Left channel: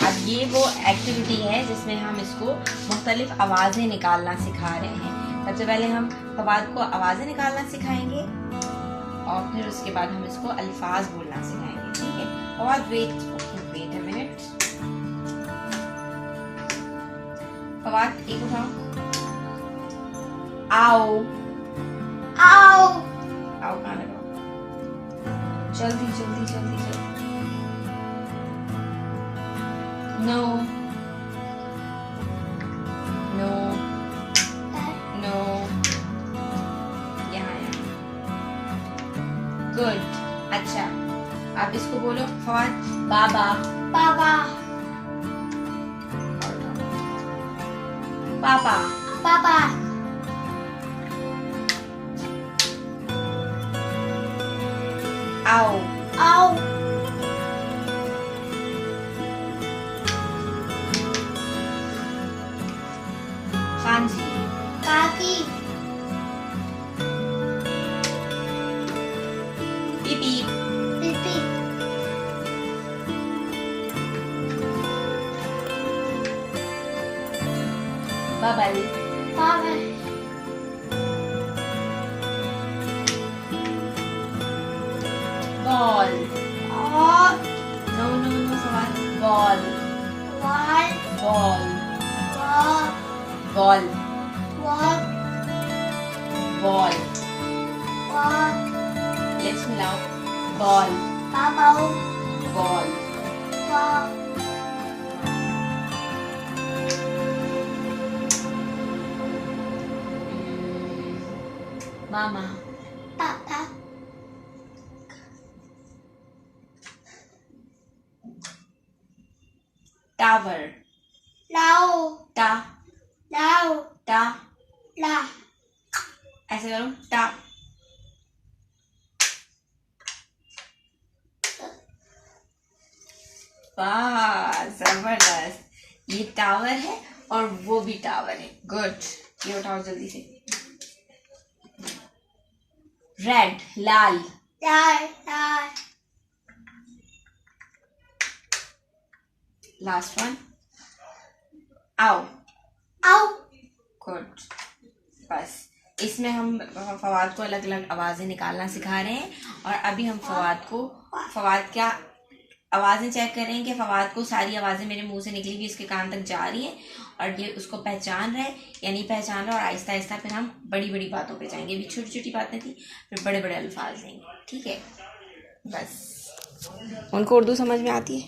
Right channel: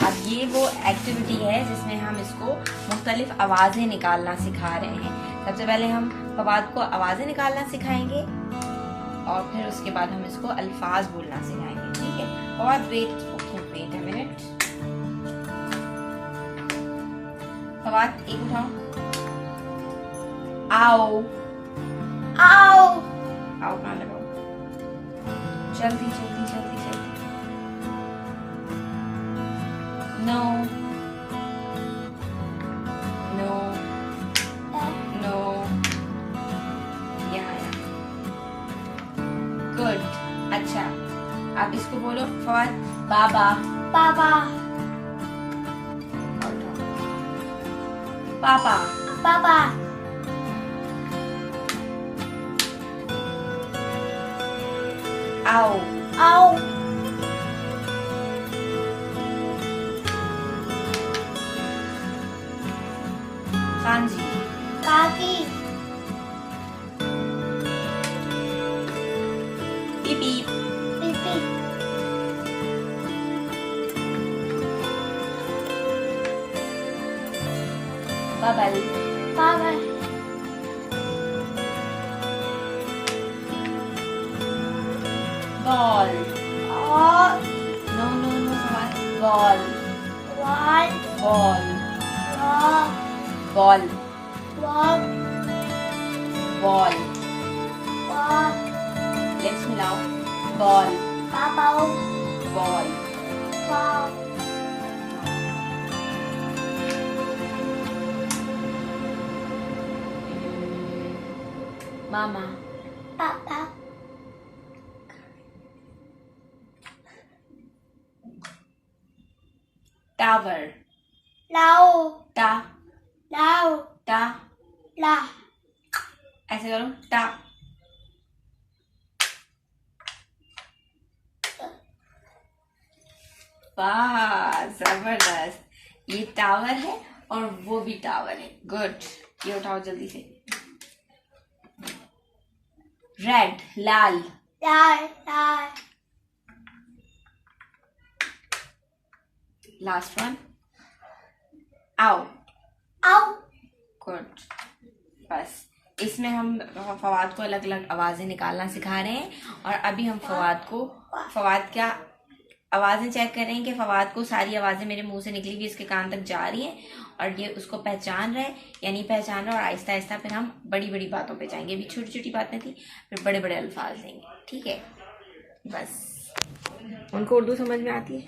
अब ये वो एक्टिविटी है जिसमें हम इसको मुख्तलिफ आवाज़ें निकालना सिखा रहे हैं। सबसे पहले हम फवाद को आवाज़ें निकालना सिखाएंगे और फिर उसके बाद हम इसको अल्फाज बोलना सिखाएंगे। ठीक है Fawad, wait a minute. Fawad एक उठाओ। आओ आओ आओ कहाँ लगाओ, जल्दी जल्दी जल्दी जल्दी। नो नो नो, यहाँ गुड। अच्छा आप इसको बोलो फवाद, बाबा बाबा पापा पापा आओ आओ खान जी काकी पीपी पीपी बबल पापा बॉल। और no no no Fawad, ball wall ball wall ball wall ball. Wall let's मिलाओ, बॉल पापा बॉल। वाल मामा पापा टावर लाओ टा लाओ टा, ला ऐसे करो टा। वाह जबरदस्त, ये टावर है और वो भी टावर है। गुड, ये उठाओ जल्दी से। रेड लाल, लाल लाल लास्ट वन आओ। आओ गुड, बस इसमें हम फवाद को अलग अलग आवाजें निकालना सिखा रहे हैं और अभी हम फवाद क्या आवाजें चेक कर रहे हैं कि फवाद को सारी आवाजें मेरे मुंह से निकली हुई इसके कान तक जा रही हैं और ये उसको पहचान रहा है या नहीं पहचान रहा। और आहिस्ता आहिस्ता फिर हम बड़ी बड़ी बातों पे जाएंगे। अभी छोटी छोटी बातें थी, फिर बड़े बड़े अल्फाज देंगे। ठीक है, बस उनको उर्दू समझ में आती है।